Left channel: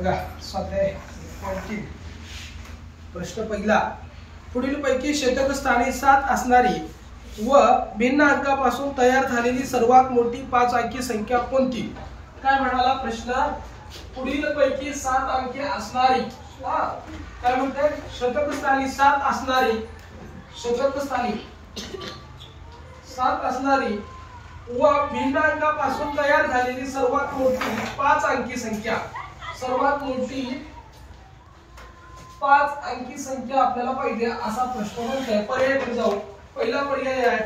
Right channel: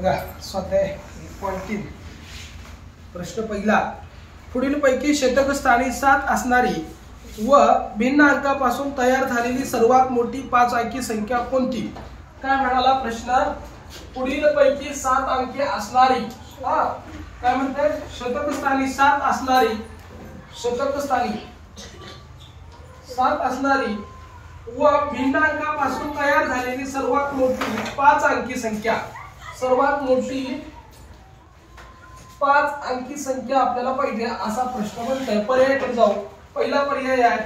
बघा स्वाध्याय 1.3 प्रश्न पहिला, पुढील पैकी शतक स्थानी 7 असणारी व भिन्न अंकापासून तयार झालेली सर्वात मोठी 5 अंकी संख्या कोणती? काय म्हणाला प्रश्न? पुढील पैकी 7 अंकी असणारी, काय म्हणते? शतक स्थानी 7 असणारी, शतक स्थानी 7 असणारी व भिन्न अंकापासून तयार झालेली सर्वात मोठी 5 अंकी संख्या, सर्वात मोठी 5 अंकी संख्या आपल्याला पाहिजे असा प्रश्न म्हणतोय. पर्यायाकडे जाऊ. पहिला पर्याय आहे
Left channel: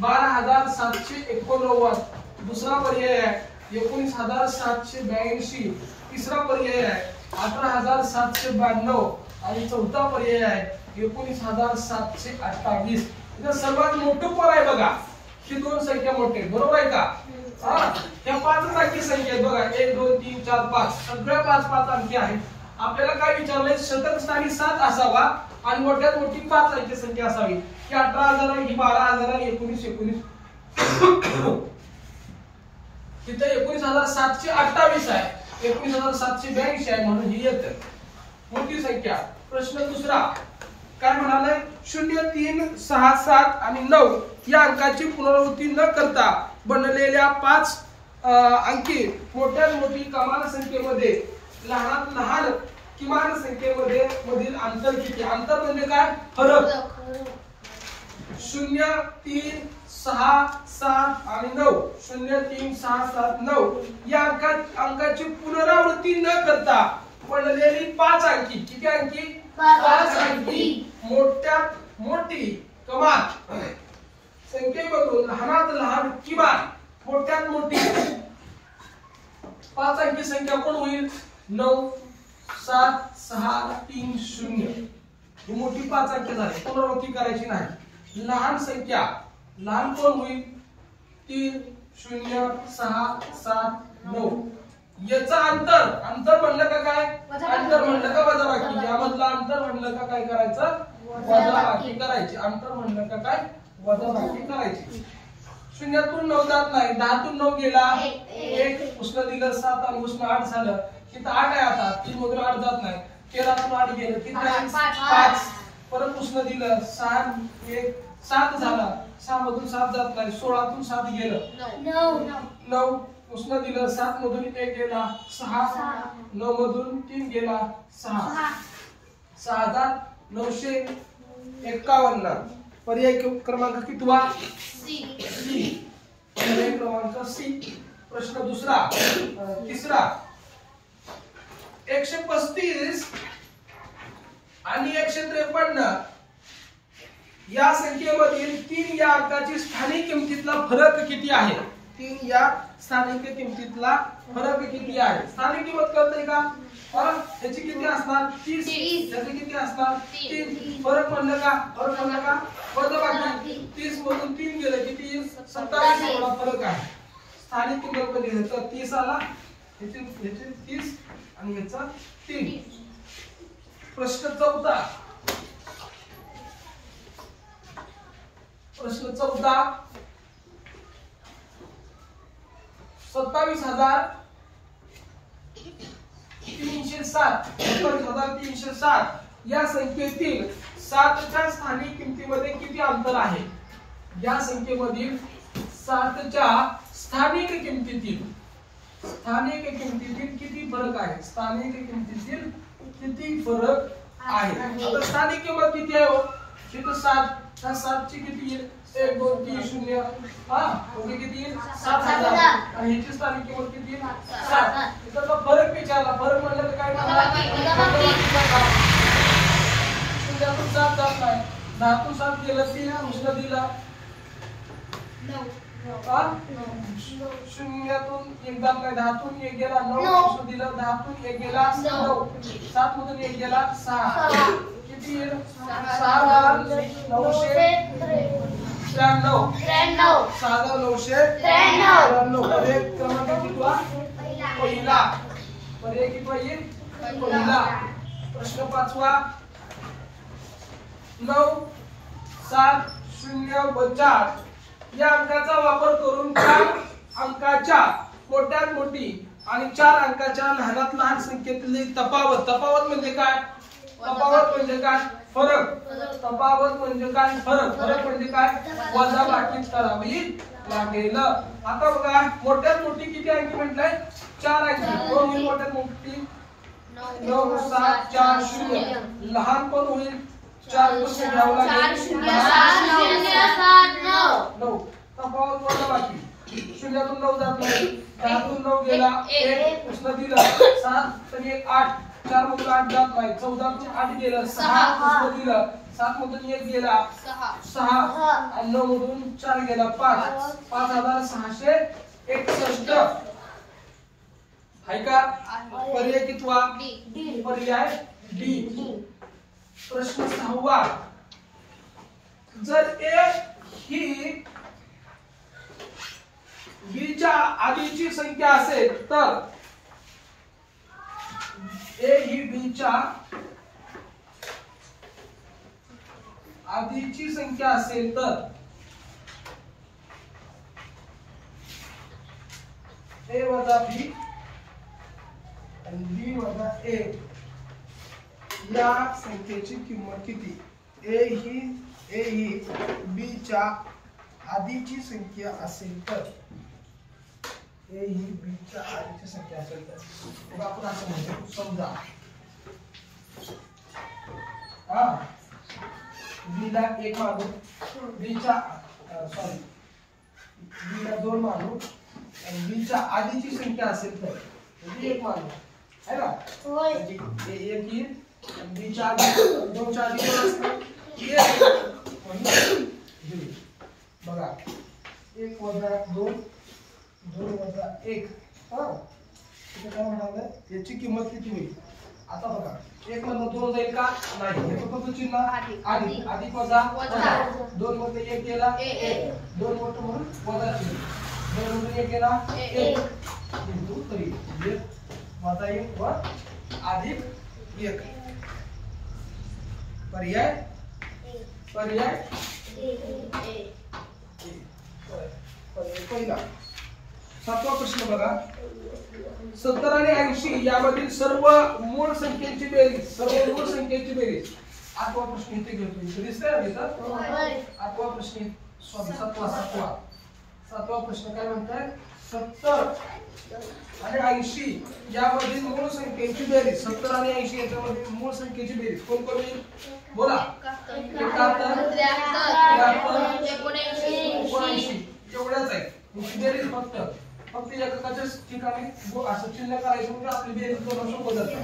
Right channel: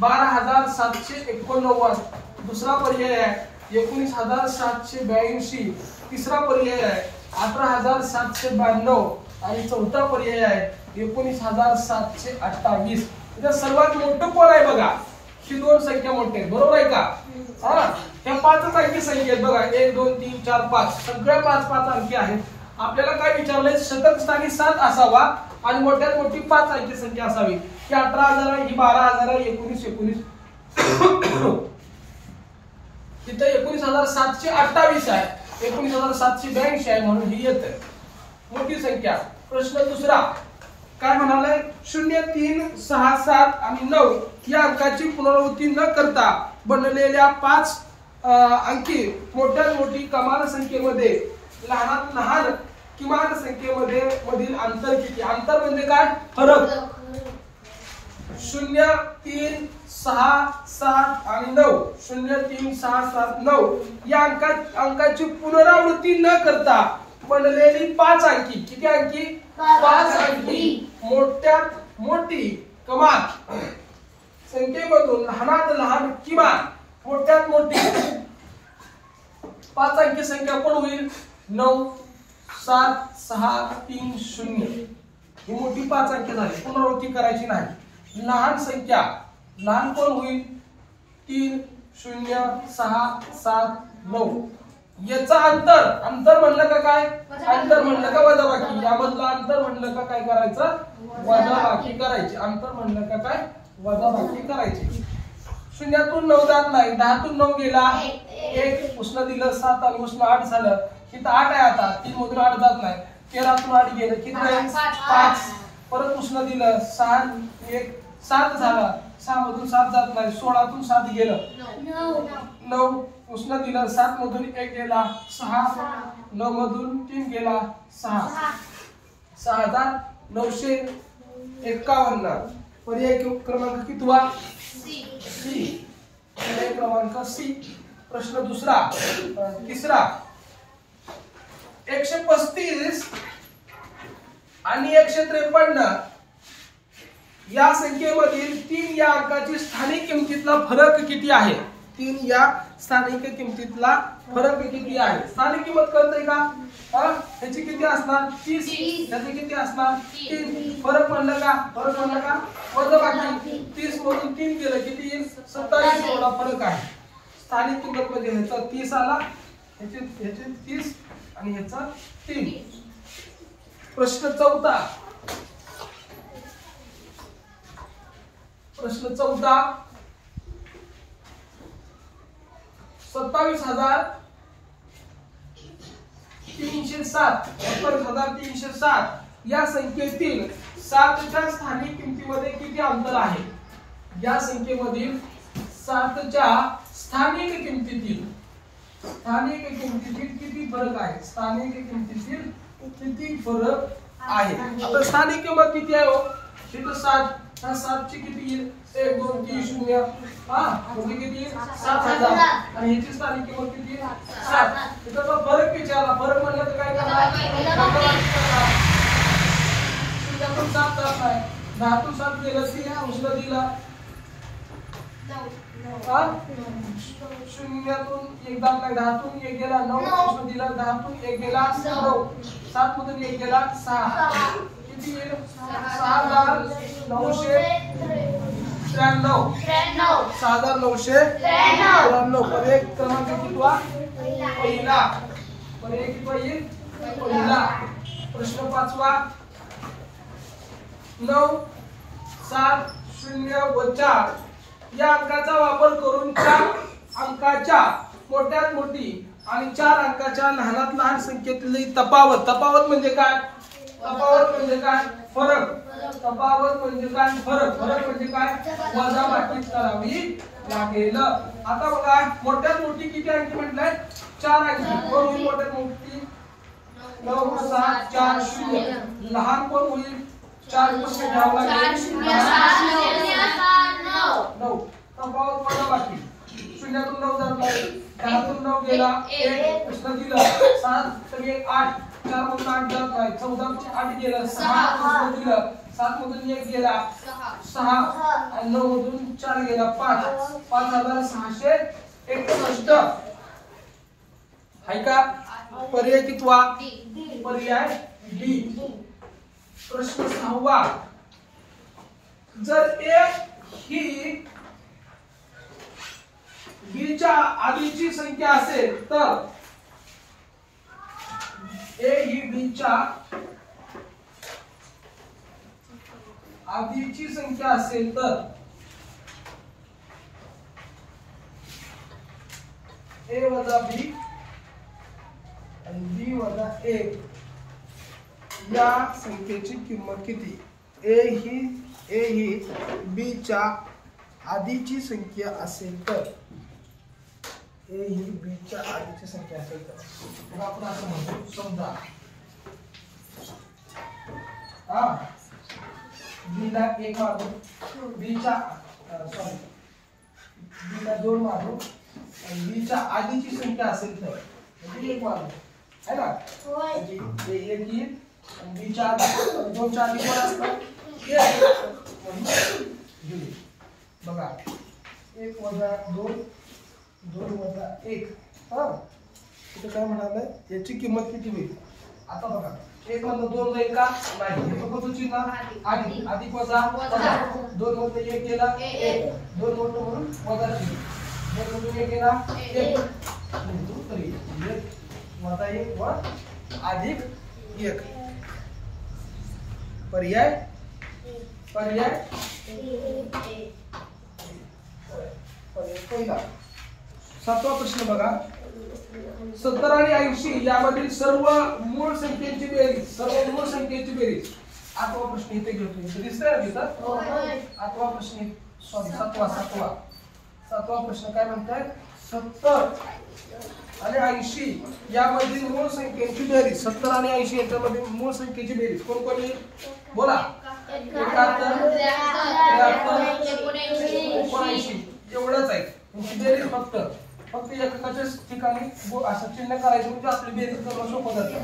12,789, दुसरा पर्याय आहे 19,782, तिसरा पर्याय आहे 18,792 आणि चौथा पर्याय आहे 19,728. सर्वात मोठं कोण आहे बघा? ही 2 संख्या मोठे, बरोबर आहे का? ह्या 5 अंकी संख्या आहेत बघा, 1 2 3 4 5, सगळ्या 5 अंकी आहेत. आपल्याला काय विचारलंय? शतक स्थानी 7 असावा आणि मोठ्यात मोठी 5 अंकी संख्या असावी. ही 18,000 आहे, ही 12,000 आहे, 19 तिथे 19,728 आहे, 19,782 आहे, म्हणून ही येत मोठी संख्या. प्रश्न दुसरा काय म्हणाले? 0 3 6 7 आणि 9 या अंकाची पुनरावृत्ती न करता बनलेल्या 5 अंकी मोठ्यात मोठी कमाल संख्येमध्ये लहानात लहान किमान संख्येमध्ये मधील अंतर किती? अंतर म्हणजे काय? फरक. 0 3 6 7 आणि 9, 0 3 6 7 9 या अंकाची पुनरावृत्ती न करता बनलेली 5 अंकी, किती अंकी? 5 अंकी मोठ्यात मोठी कमाल संख्येमधून लहानात लहान किमान मोठ्यात मोठी 5 अंकी संख्या कोण होईल? 9 7 6 3 0 ही मोठी 5 अंकी झाली, पुनरावृत्ती करायची नाही. लहान संख्या लहान कोण होईल? 3 0 6 7 9. याचा अंतर, अंतर म्हणलं का काय? अंतर म्हणलं का वजाबाकी? यामधलं अंतर म्हणलं का काय करायचं? वजाबाकी करायची. अंतर म्हणलं का काय? वजाबाकी करायची. 0तून 9 जात नाही, 10तून 9 गेला 1, उष्ण दिलं 7 आणि उष्ण 8 झालं. तिथं 8 आहे, आता 3 मधून 8 जात नाही. 13तून 8 गेलं किती? 5. परत उष्ण दिलं 6 1 7 झाला, 6 मधून 7 जात नाही. 16तून 7 गेलं 9, उष्ण दिलं 7 मधून 1 गेला 6, 9 मधून 3 गेला 6, 6,951. पर्याय क्रमांक कितवा? सी. पर्याय क्रमांक सी. प्रश्न दुसरा तिसरा, 135 आणि 153 या संख्येमधील 3 या अंकाची स्थानिक किमतीतला फरक किती आहे? 3 या स्थानिक किमतीतला फरक किती आहे? स्थानिक किंमत कळतंय का? ह्याची किती असणार? 30. ह्याची किती असणार? 3. फरक म्हणलं का? फरक म्हणलं का? वजाबाकी. 30 मधून 3 गेलं किती येईल? 27 एवढा फरक आहे. स्थानिक किंमत मध्ये ह्याचा 30 आला, ह्याचे 30 आणि ह्याचा 3. प्रश्न चौथा, प्रश्न चौथा, 27,307 या संख्येतील 7च्या स्थानिक किमतीमध्ये किती अंतर आहे? या संख्येमधील 7च्या स्थानिक किमतीतील किती फरक आहे? स्थानिक किमतीतील किती फरक आहे? आता स्थानिक किंमत किती आहे हो? तिथं 7, ह्या 7ची किती येईल? 1 2 3 0, म्हणजे किती येईल? 7,000. आणि ह्याची स्थानिक किंमत किती येईल? 7. इथं फरक विचारला. फरक म्हणलं तर काय करणार? 0तून 7 जात नाही, 10तून 7 गेलं 3, उष्ण दिला 0तून 1 जात नाही, 10तून 1 गेला 9, उष्ण दिला 10तून 1 गेला 9, 7 मधून 1 गेला 6, किती येईल? 6,993. 6,993. पर्याय क्रमांक कितवा? पहिला. पर्याय कितवा येईल? पहिला. प्रश्न पाचवा, 9 7 0 व 4 या अंकाचा वापर करून त्या अंकाच्या मोठ्यात मोठी आणि 4 अंकाच्या लहानात लहान संख्येतली तफावत. तफावत म्हणजे काय? तफावत म्हणजे काय? फरक. तफावत म्हणजे काय? फरक. फरक म्हणजे काय? वजाबाकी करावी लागेल. आता बघा मोठ्यात मोठी किती अंकी म्हटलंय? 4 अंकी. कोण होईल मोठ्यात मोठी? 9 7 4 0. लहान कोण होईल? 4 पुढे घ्यावं लागेल. 9. तफावत वजाबाकी. 0 तून 9 जात नाही. 10 तून 9 गेला 1 पुढे दिलं. 7 तर 1 8. 4 मधून 8 जात नाही. 14 तून 8 गेलं 6 पुढे दिलं. 7 मधून 1 गेला 6 आणि 9 मधून 4 गेला 5. 5661. हाय का? पर्याय कितवा? पर्याय डी. प्रश्न 6वा. जर ए ही बी च्या आधीची संख्या असेल तर ए ही बी च्या आधीची संख्या असेल तर ए वजा बी आणि बी वजा ए या संख्येची किंमत किती? ए ही बी च्या आधीची संख्या असेल तर ए ही बी च्या आधीची संख्या असेल तर मग आपण असं म्हणतो समजा बी ला 1 मानू, बी च्या बी ला 2 मानू आणि बी च्या आधीची संख्या असेल तर म्हणजे 1 मानू है ना? म्हणजे 1 येईल आणि बी च्या आधी 2 च्या आधी पण असतात 1 बघा 1 वजा 2 2 वजा 1. इथं काय म्हणाले? याची किंमत किती होईल? आता बघा 1 मधून 2 जाईल का? नाही. हे कोणतं चिन्ह? अधिक. अधिक वजा वजा. 2 मधून 1 गेला 1. 2 मोठं म्हणून वजा चिन्ह. 2 मधून 1 गेला 1 बिंदू 3. 1 वजा 1 व अधिक 1. पर्याय पर्याय पहिला. 7वा प्रश्न बघा. 70 आणि 80 यामधील सर्व मूळ संख्येची बेरीज. सर्व मूळ संख्येची बेरीज. 8वा प्रश्न इथे घेतो. इथे दिसतंय ना तिथं? 8वा प्रश्न सॉरी 7वा प्रश्न काय म्हणताय? 70 आणि 80 यामधील मूळ संख्येची बेरीज. 70 आणि 80 याच्यामधील मूळ संख्येची बेरीज कोण कोण येईल? बोला. 71 79 एवढ्याच आहे. बेरीज फक्त एकाच्याच ठिकाणी असं चिन्ह करायचं म्हणजे आपली बेरीज करणं सोपं जातं.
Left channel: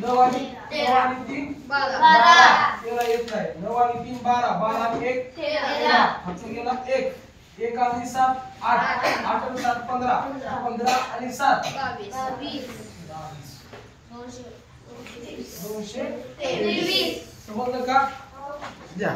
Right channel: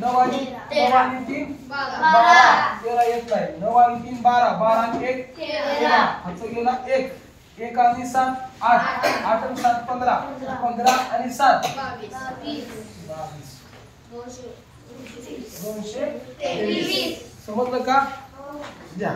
9 आणि 3 12. 13 येत नाही. 9 आणि 3 12. 12 आणि 1 13. हात गेला 1. 1 आणि 7 8. 8 आणि 7 15. 15 आणि 7 22. 223. समजलं का? द्या.